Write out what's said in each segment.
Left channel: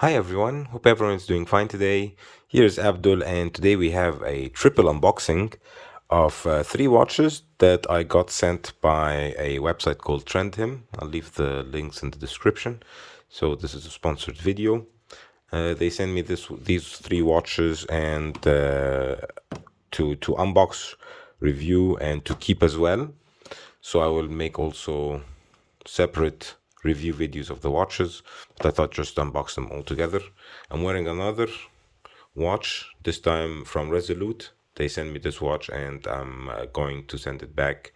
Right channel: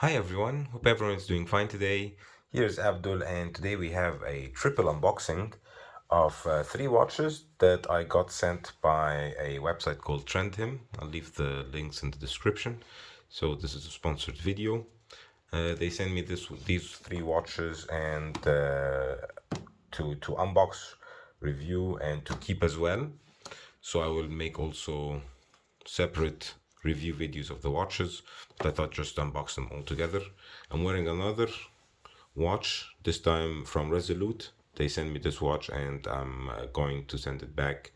Hi everyone, hope everyone's doing fine today. Here's Abdul, and today we have a triple unboxing of three watches that I got sent by a website called Trendhim. I'll leave the links in the description. So this is a sponsored video. They sent me these three watches and to unbox, review, and to keep as well. So I will make also separate review videos of the watches, but I thought just unbox them all together. I'm wearing another watch, this time from Resolute. They sent me this watch and I'm going to send it back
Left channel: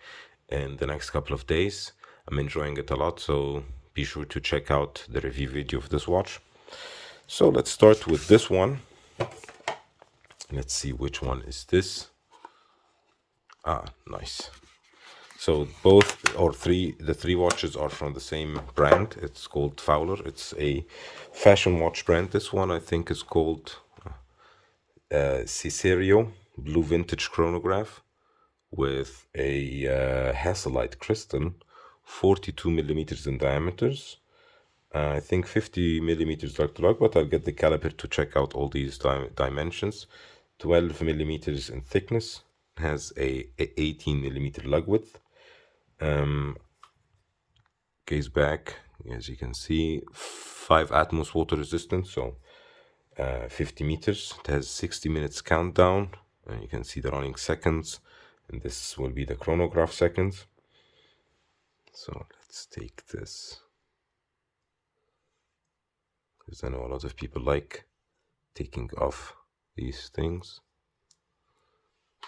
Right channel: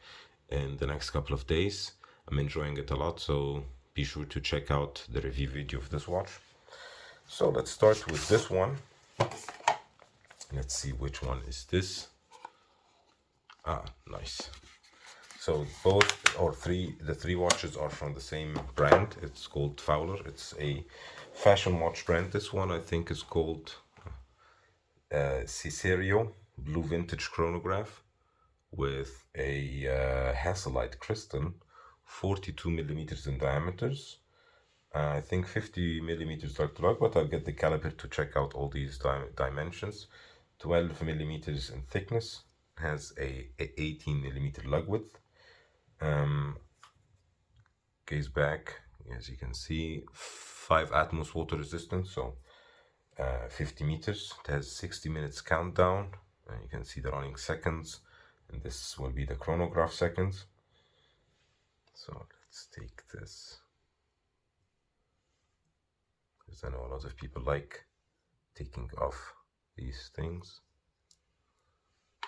in the next couple of days. I'm enjoying it a lot, so be sure to check out the review video of this watch. So let's start with this one. Let's see which one is this. Ah, nice. So the three watches are from the same brand. It's called Fowler. It's a fashion watch brand. This one I think is called CICERO Blue Vintage Chronograph with a Hasselite crystal, 42 millimeters in diameters. I think 50 millimeters lug to lug, but I'll get the caliper to check out all these dimensions. 12 millimeters in thickness, has a 18 millimeter lug width. Case back, as you can see, 5 atmos water resistance, so 50 meters. It has 60 minutes countdown, and you can see the running seconds, and this will be the chronograph seconds. So let's take this, because I know a lot of people like taking off these things.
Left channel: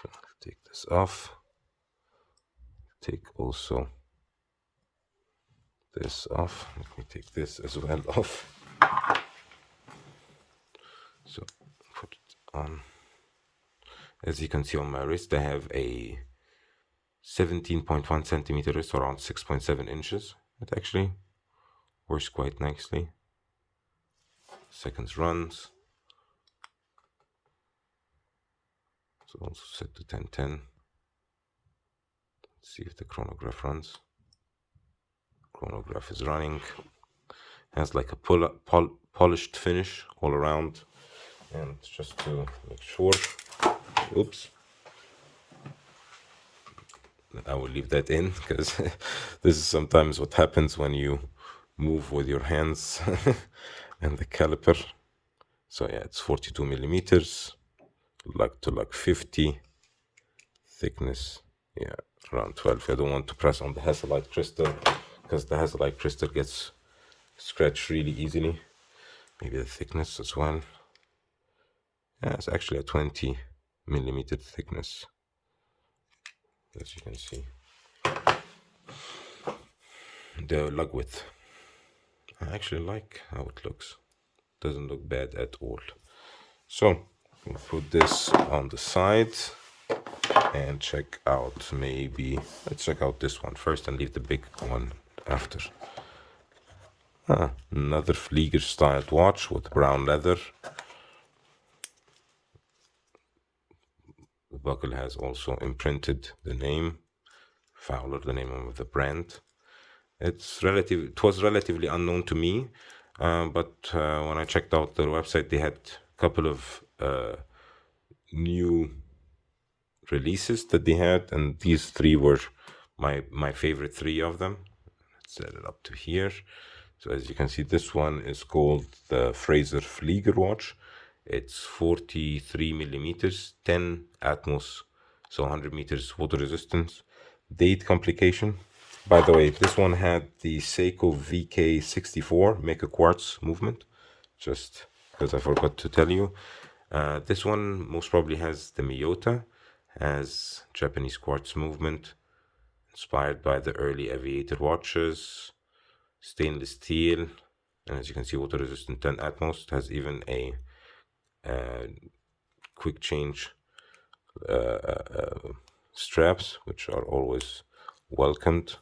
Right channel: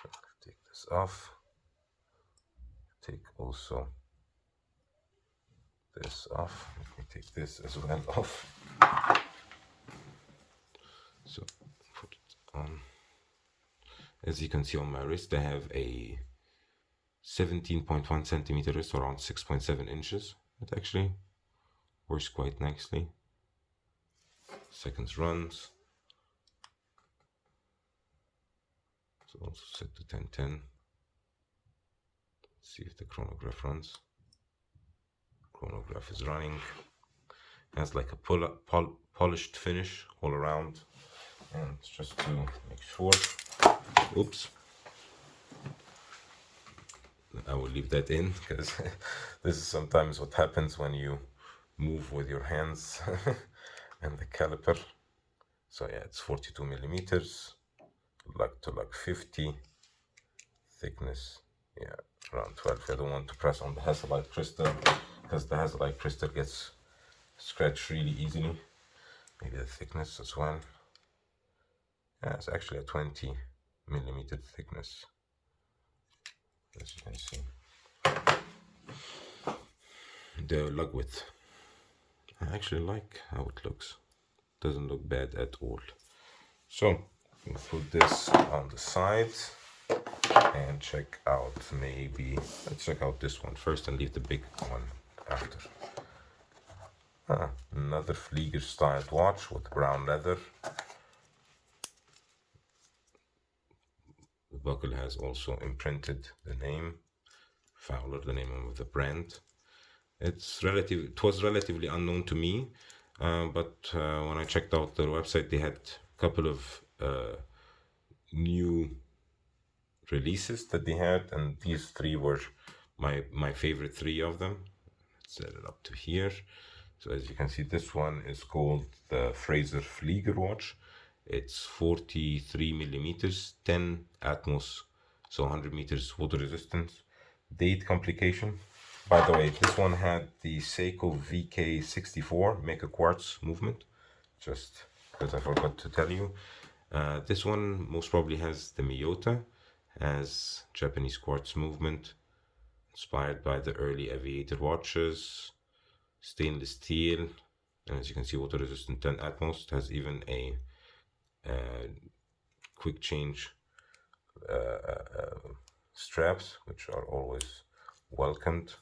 So take this off. Take also this off. Let me take this as well off. So put it on. As you can see on my wrist, I have a 17.1 centimeter wrist, around 6.7 inches. It actually works quite nicely. Seconds runs. So also set to 1010. Let's see if the chronograph runs. Chronograph is running. Has like a polished finish all around. And just to make sure, oops, I will leave that in, because this is sometimes what happens when you move with your hands and the caliper. So yeah, it's 42 millimeters, lug to lug 50, thickness, yeah, around 12. I don't want to press on the Hasselite crystal, because the Hasselite crystal gets scratched really easily. Maybe the thickness as well. Yeah, it's actually a 20 millimeter thickness, as you can see. The lug width, I actually like how it looks. Doesn't look bad at all. So we'll put this on the side and check out, let's check out this one first and leave the big one after. Another Flieger styled watch with brown leather. The buckle has also imprinted the name Fowler, the name of the brand. It was relatively unknown to me, but when I checked out their website, they had a couple of new releases that they had, and these three were my favorite three of them. Let's set it up to here. So as you can see, this one is called the Fraser Flieger watch. It's 43 millimeters, 10 atmos, so 100 meters water resistance. Date complication. By the way, this one had the Seiko VK64 make a quartz movement, just because I forgot to tell you. This one most probably has the Miyota, has Japanese quartz movement, inspired by the early aviator watches, stainless steel, and as you can see, water resistant 10 atmos. It has even a quick change straps, which are always welcomed.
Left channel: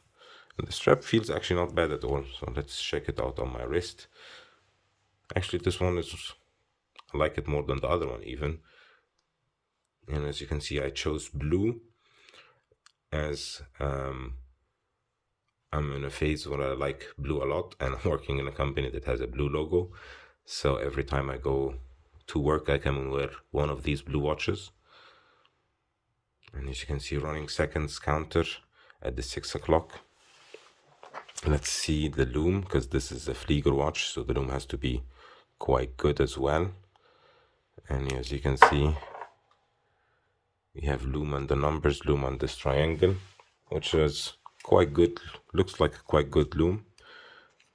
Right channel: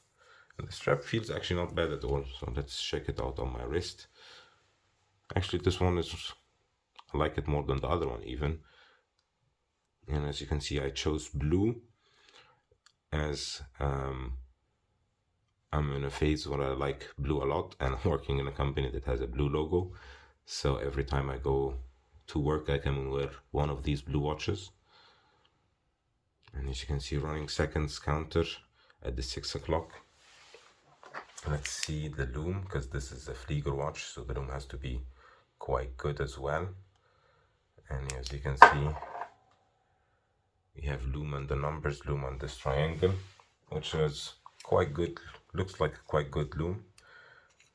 And the strap feels actually not bad at all, so let's check it out on my wrist. Actually, this one I like it more than the other one even. And as you can see, I chose blue, as I'm in a phase where I like blue a lot, and I'm working in a company that has a blue logo. So every time I go to work, I can wear one of these blue watches. And as you can see, running seconds counter at the 6 o'clock. Let's see the lume, because this is a Flieger watch, so the lume has to be quite good as well. And as you can see, we have lume on the numbers, lume on this triangle, which is quite good, looks like a quite good lume.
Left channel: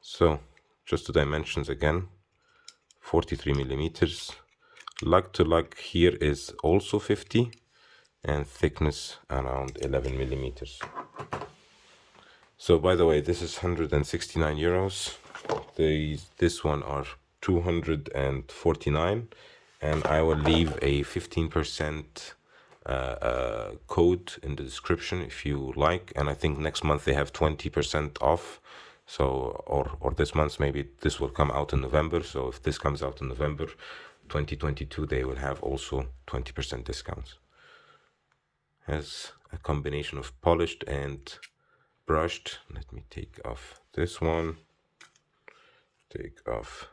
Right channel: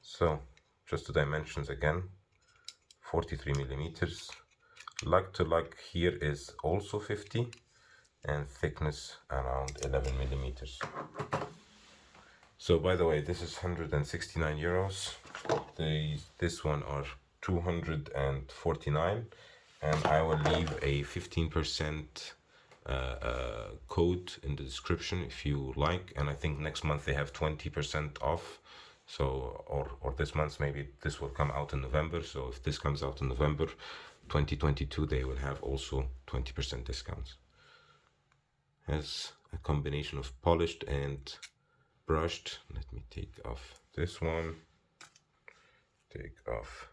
So just the dimensions again, 43 millimeters. Lug to lug here is also 50, and thickness around 11 millimeters. So by the way, this is 169 euros. This one are 249, and I will leave a 15% code in the description if you like. And I think next month they have 20% off. So or this month, maybe this will come out in November. So if this comes out in November 2022, they will have also 20% discounts. Has a combination of polished and brushed. Let me take off this one, take off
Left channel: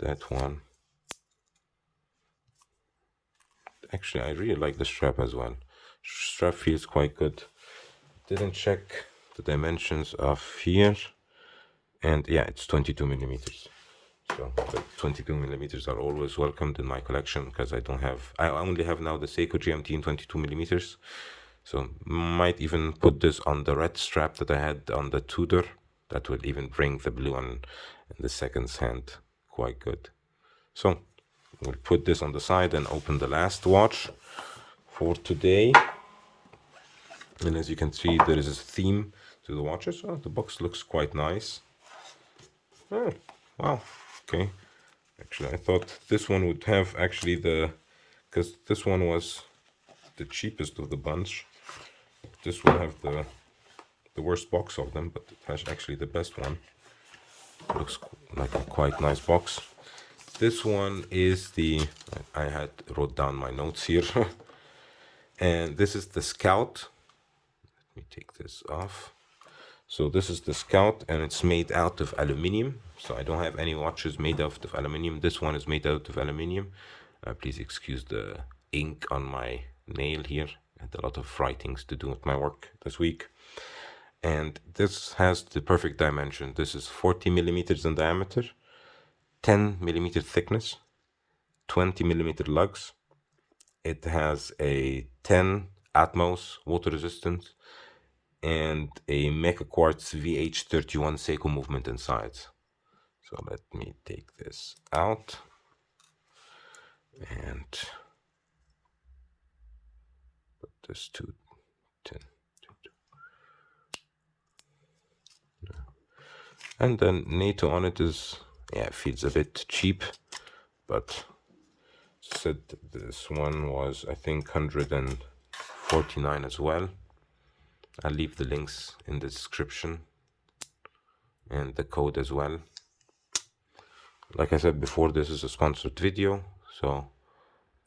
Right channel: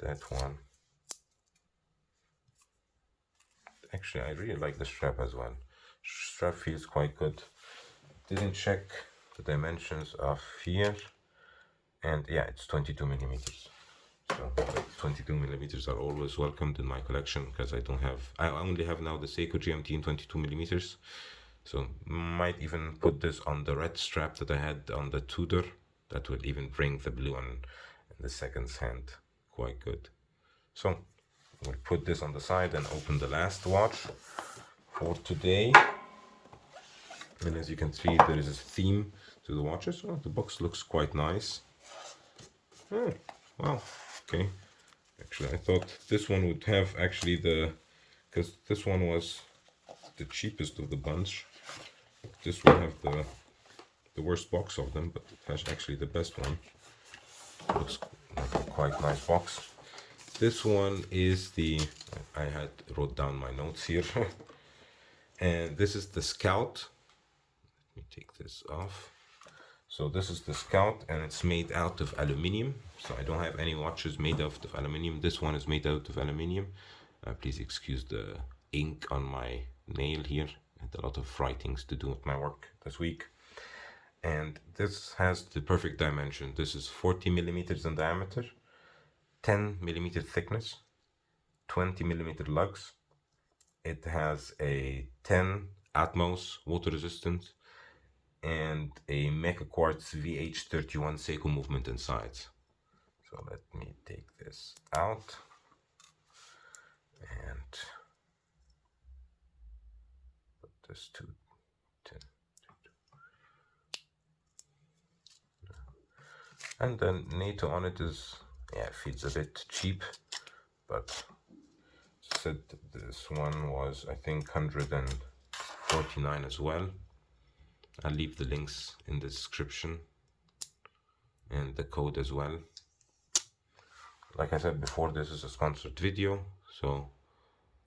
that one. Actually, I really like the strap as well. Strap feels quite good. Didn't check the dimensions of here, and yeah, it's 22 millimeters. So 22 millimeters are always welcomed in my collection, because I only have now the Seiko GMT in 22 millimeters. So might even put this on the red strap that I had on the Tudor. That will even bring the blue on in the seconds hand quite good. So we'll put this on the side and open the last watch for today. And as you can see, there is a theme to the watches. Oh, the box looks quite nice. Oh, wow, okay. Actually, I thought this one would have actually because this one was the cheapest of the bunch. This will have the worst box of them, but it has actually the best one. Looks like a quite nice box. This one is I had wrote down my notes here. And this is the Scout. Let me take this off. So this is the Scout, and it's made out of aluminium. So I don't have any watches made out of aluminium. This one is made out of aluminium. Please excuse the ink on my nail here. I had a lot of writings to do at my work this week. And this has the perfect dimension. This is 40 millimeters in diameter, 10 millimeter thickness, 20 millimeter lugs. It has a 10 Atmos water resistance and a Mecha Quartz VH31 Seiko movement inside. So let me take this out and put this to 10. And then NATO on it is, yeah, it feels a bit cheap, but said this one was, I think, 149 as well. I'll leave the links in the description and the code as well. Like I said before, this is a sponsored video, so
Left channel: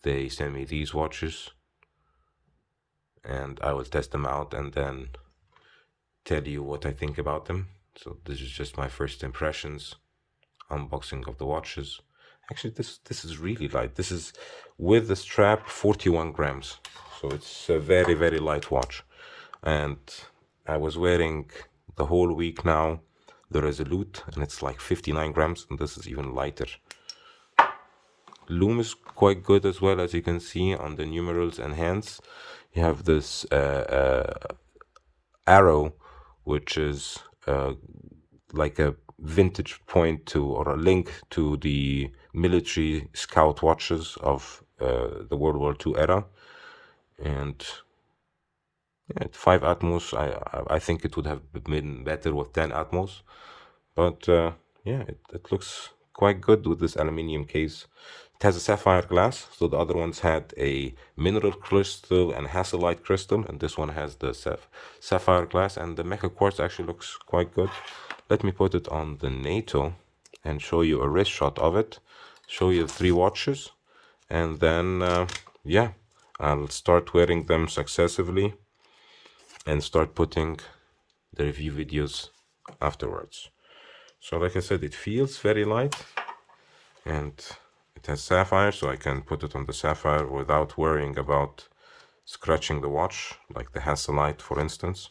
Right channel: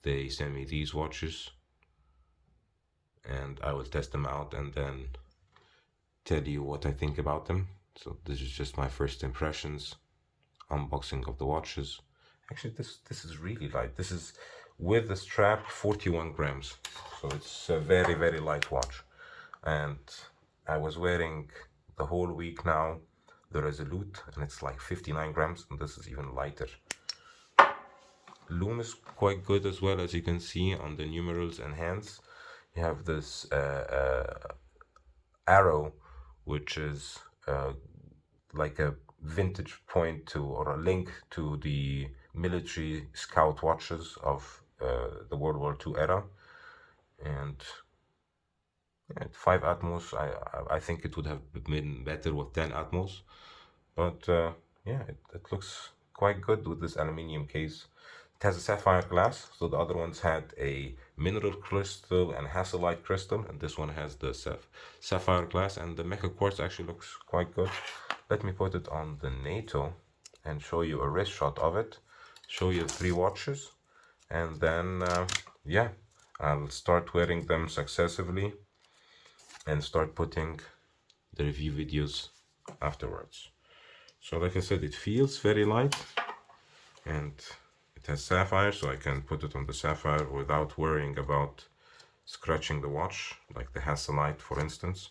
they send me these watches and I will test them out and then tell you what I think about them. So this is just my first impressions, unboxing of the watches. Actually, this is really light. This is with the strap 41 grams. So it's a very, very light watch. And I was wearing the whole week now the Resolute, and it's like 59 grams, and this is even lighter. Lume is quite good as well, as you can see on the numerals and hands. You have this arrow, which is like a vintage point to, or a link to the military scout watches of the World War II era. And yeah, 5 Atmos, I think it would have been better with 10 Atmos. But yeah, it looks quite good with this aluminium case. It has a sapphire glass, so the other ones had a mineral crystal and hasselite crystal, and this one has the sapphire glass, and the Mecha Quartz actually looks quite good. Let me put it on the NATO and show you a wrist shot of it, show you 3 watches, and then yeah, I'll start wearing them successively and start putting the review videos afterwards. So like I said, it feels very light, and it has sapphire, so I can put it on the sapphire without worrying about scratching the watch, like the Hasselite, for instance.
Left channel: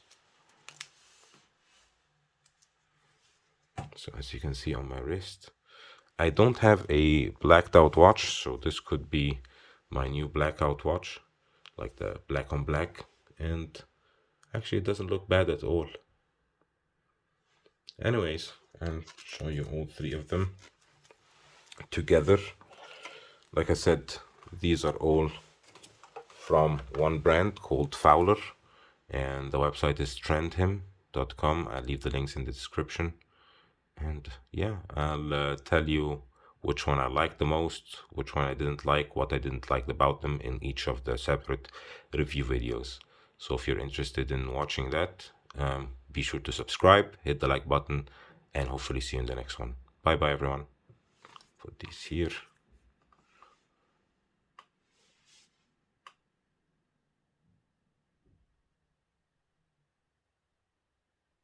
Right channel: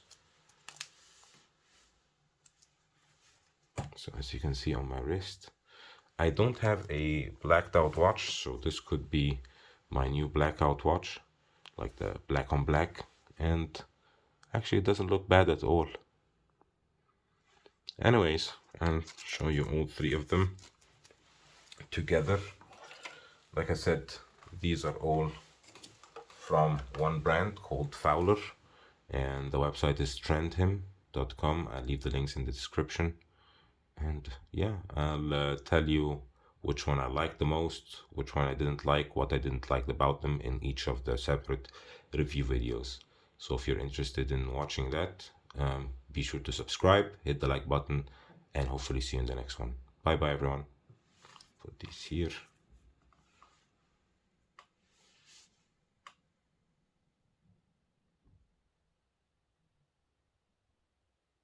So as you can see on my wrist, I don't have a blacked out watch, so this could be my new blackout watch, like the black on black, and actually it doesn't look bad at all. Anyways, I'll show you all three of them together. Like I said, these are all from one brand called Fowler, and the website is trendhim.com. I'll leave the links in the description. And yeah, I'll tell you which one I liked the most, which one I didn't like, what I didn't like about them in each of the separate review videos. So if you're interested in watching that, be sure to subscribe, hit the like button, and hopefully see you in the next one. Bye bye everyone. Put this here.